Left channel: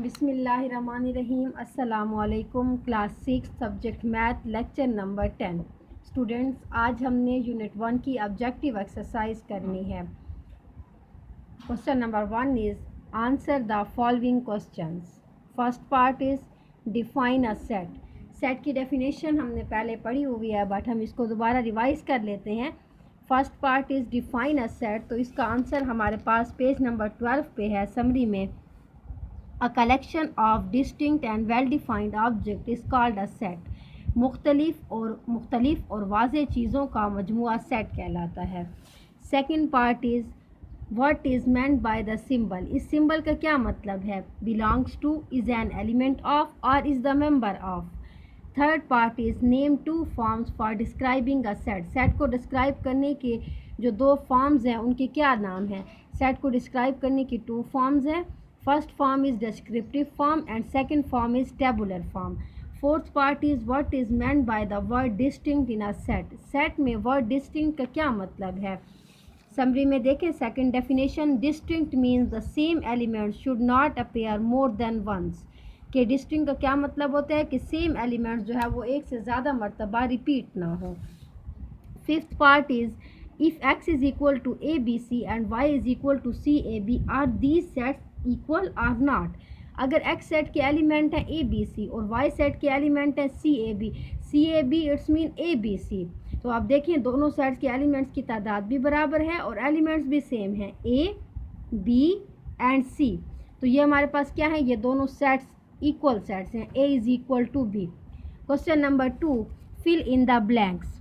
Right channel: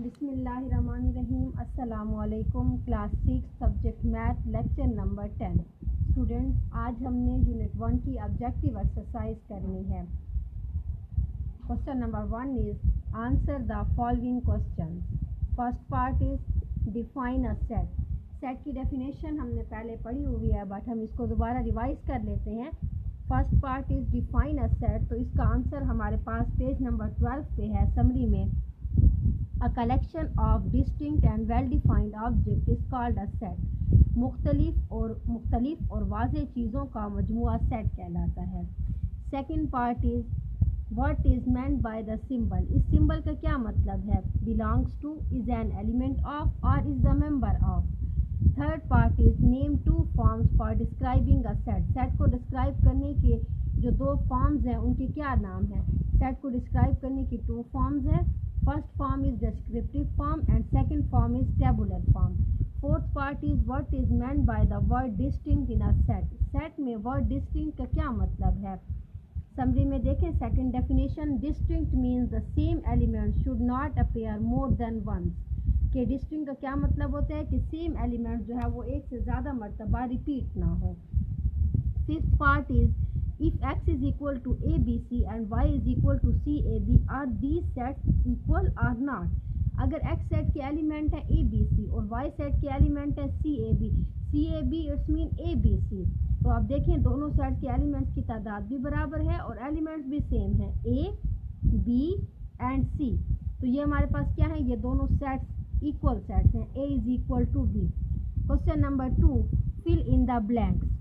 बिस्मिल्लाहिर्रहमानिर्रहीम। अस्सलामुअलैकुम। Class 6 subject math lecture number 10। Students, आज हमने यूनिट 1 की ऑब्जेक्टिव एक्सरसाइज करनी है। Question number 1 is answer the following questions. First part is define a set. Set की डेफिनेशन हमने पहले पढ़ी हुई है, बट हम इसको दोबारा रिवाइज कर लेते हैं। First part is define a set, तो इसका आंसर हमारे पास पेज नंबर 12 पे है। समरी में A collection of distinct and well-defined objects is called a set। मुख्तलिफ और वाज़ेह चीज़ों का मजमुआ सेट कहलाता है। Second part is what is meant by the symbol। इस सिंबल का क्या मतलब है। belongs to, is an element of और is the member of। Third part is name two forms for describing a set. Set को describe करने के जो दो फॉर्म्स हैं उनके क्या नाम हैं। सेट को डिस्क्राइब करने की 2 फॉर्म्स हैं। First form is descriptive form and second form is tabular form. Fourth part is what is meant by the word distinct in a set. Set में वर्ड डिस्टिंक्ट का क्या मतलब है। समरी में देखें second definition, distinct means the same element should not appear more than once. कि distinct का क्या मतलब होता है कि सेम एलिमेंट जो है वो एक से ज़्यादा मरतबा रिपीट ना हो। Fifth part is if x is equal to abc and y is equal to cab are these sets equal or not। अगर x सेट के एलिमेंट हैं abc और y सेट के एलिमेंट हैं cab इट्स मीन abc। तो आप देखें दोनों सेट्स के एलिमेंट्स की तादाद भी बराबर है और एलिमेंट्स भी सेम हैं a b एंड c। तो ये हमारे पास क्या है, ये दोनों सेट्स इक्वल सेट्स हैं। a is equal to b। Question number 2, fill in the blanks.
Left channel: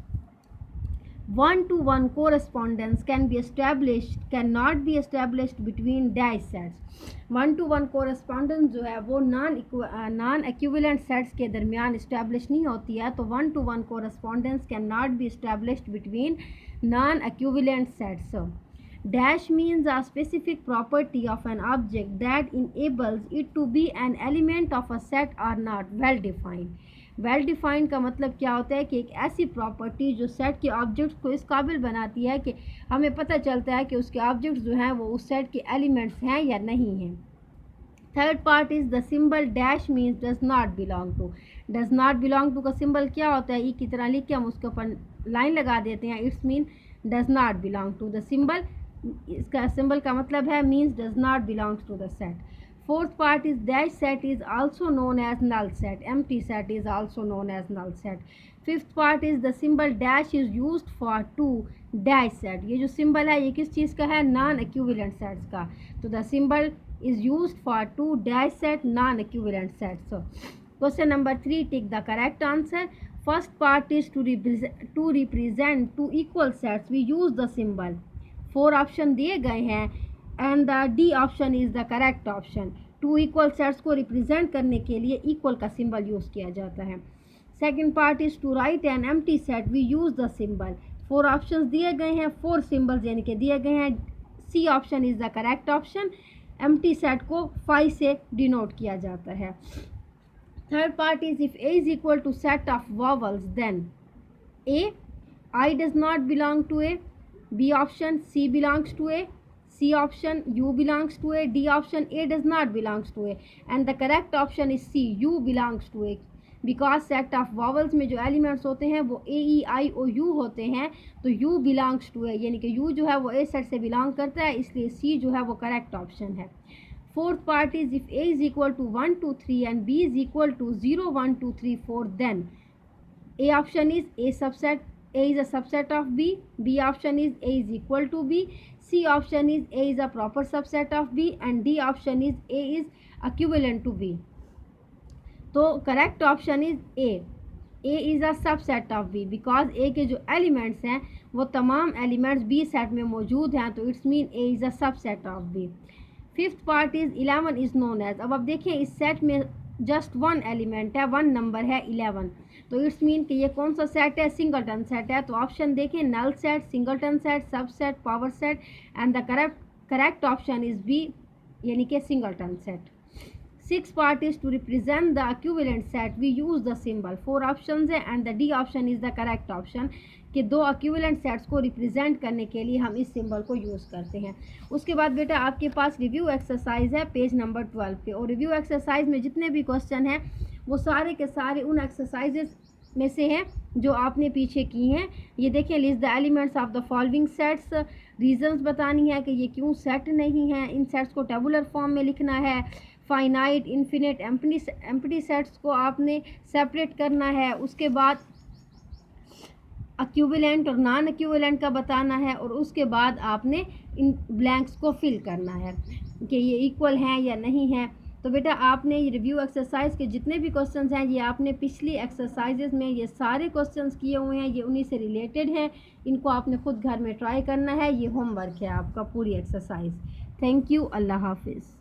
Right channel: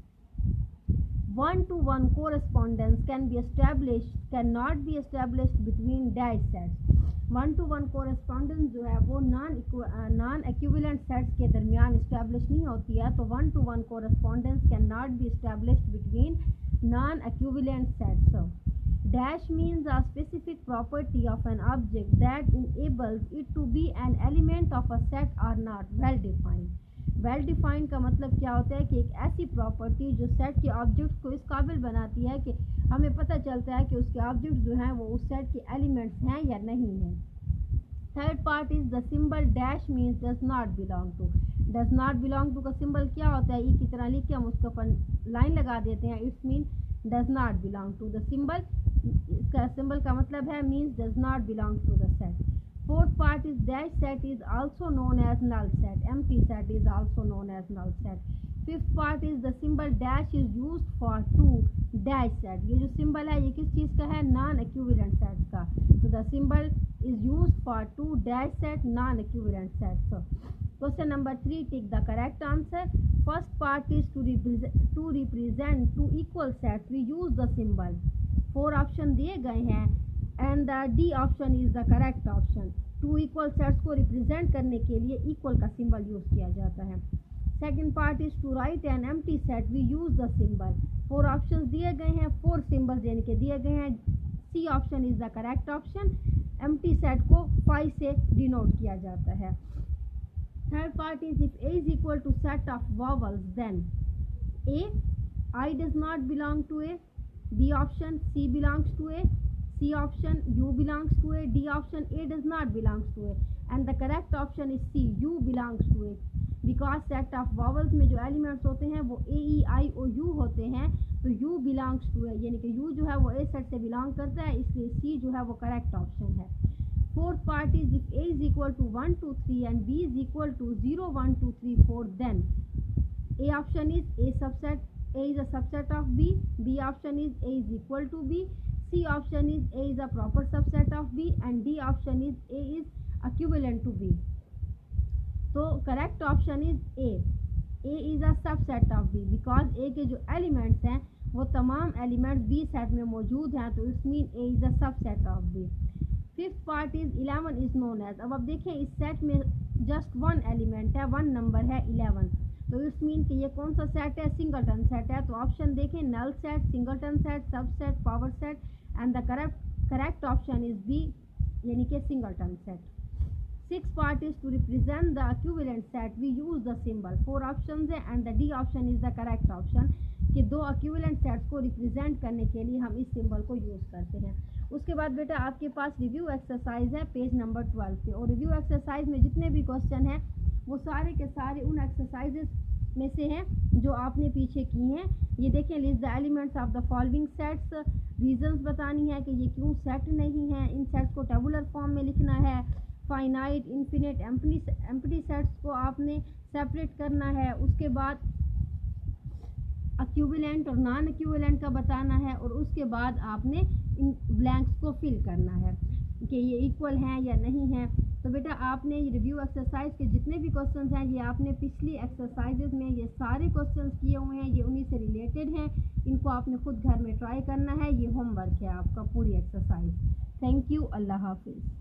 1-to-1 correspondence cannot be established between dash sets। 1-to-1 correspondence जो है वो नॉन इक्विवेलेंट सेट्स के दरमियान इस्टेब्लिश नहीं होती है। तो 1-to-1 correspondence cannot be established between non equivalent sets। Dash means a specific property of an object that enables it to be an element of a set or not well defined। Well defined का मतलब क्या होता है कि एक ऐसी property जो set के ऑब्जेक्ट्स को इस काबिल बनाती है कि हमें पता चलता है कि उसके ऑब्जेक्ट्स जो हैं वो उस सेट के एलिमेंट्स हैं या नहीं हैं। Third part is the symbol dash means does not belong to. Does not belong to का सिंबल क्या होता है, ई की तरह लिख के हम उसके ऊपर लाइन लगा देते हैं। It's mean does not belong to the symbol. इसका सिंबल का मतलब है means does not belongs to the set. Fourth part is dash set is also known as null set। Empty set is also known as null set। Fifth part is the symbol dash is used for two dash set। ये जो symbol है ये किस चीज़ का है, non equivalent sets का। तो the symbol is used for two dash set non equivalent sets। So question number 3, take the correct answer। First part is to represent two equal sets we use the symbol। 4 option दिए गए हैं and the D option is the correct option. 2 equal sets को represent करने के लिए equal का symbol use किया जाता है। Second part is to write an empty set we use the symbol. 4 options दिए गए हैं, 4 सिंबल्स यानी कि दिए गए हैं। C option is the correct option. Empty set को 5 से डिनोट किया जाता है। Third part is if A is equal to set of vowels then A I does not belong to A. B option C belongs to A. C option U belongs to A। D option A does not belongs to A and the correct option is C, U belongs to A। because set of vowels में जो elements होते हैं वो A E I O U होते हैं, तो U belongs to A यानी कि U जो है वो A सेट से belong करता है, इसलिए C जो है वो correct option है। Fourth part is if A is equal to 1 2 3 and B is equal to 0 1 2 3 4 then A option is A subset, A is a subset of B। B option is A is equal to B। C option is A is a proper subset of B and D option is A is equivalent to B। तो correct option is A। A is a subset of B because A के जो elements हैं वो तमाम elements B set में मौजूद हैं, तो it's mean A is a subset of B। Fifth part is 11 is known as। अब देखें इस set में just one element है, one number है 11, तो इट्स मीन कि ये कौन सा सेट है, सिंगलटन सेट है। तो ऑप्शन देखें null set, singleton set, subset, power set and the correct option is B यानी कि singleton set. Sixth part is to represent the equivalent set we use the symbol. 4 options है and the D option is the correct option कि 2 equivalent sets को represent करने के लिए हम इस सिंबल को यूज़ करते हैं। उसके बाद बेटा आपके पास रिव्यू एक्सरसाइज है पेज नंबर 12 पे, और रिव्यू एक्सरसाइज में जितने भी क्वेश्चन हैं वो सारे के सारे उन एक्सरसाइजेस में से हैं जो आपने पीछे की हैं। ये देखें, list the elements of the following sets, reasons बतानी है कि ये क्यों सेट नहीं है। इन सेट्स को टेबुलर फॉर्म में लिखना है। फाइनाइट, इन्फिनिट, एम्प्टी सेट्स को आपने सेपरेट करना है। उसके बाद इक्विवेलेंट और नॉन इक्विवेलेंट का बताना है, और उसके बाद आपने इन ब्लैंक्स को फिल करना है कि ये इक्वल हैं या नहीं हैं। तो बेटा आपने ये रिव्यू एक्सरसाइज के जितने भी क्वेश्चंस हैं ये आपने पिछली एक्सरसाइजेज में ये सारे क्वेश्चंस किए हुए हैं, ये उन्हीं से रिलेटेड हैं। इनको आपने खुद घर में ट्राई करना है। ये होमवर्क है आपका पूरी एक्सरसाइज। Thank you. अल्लाह हाफिज़।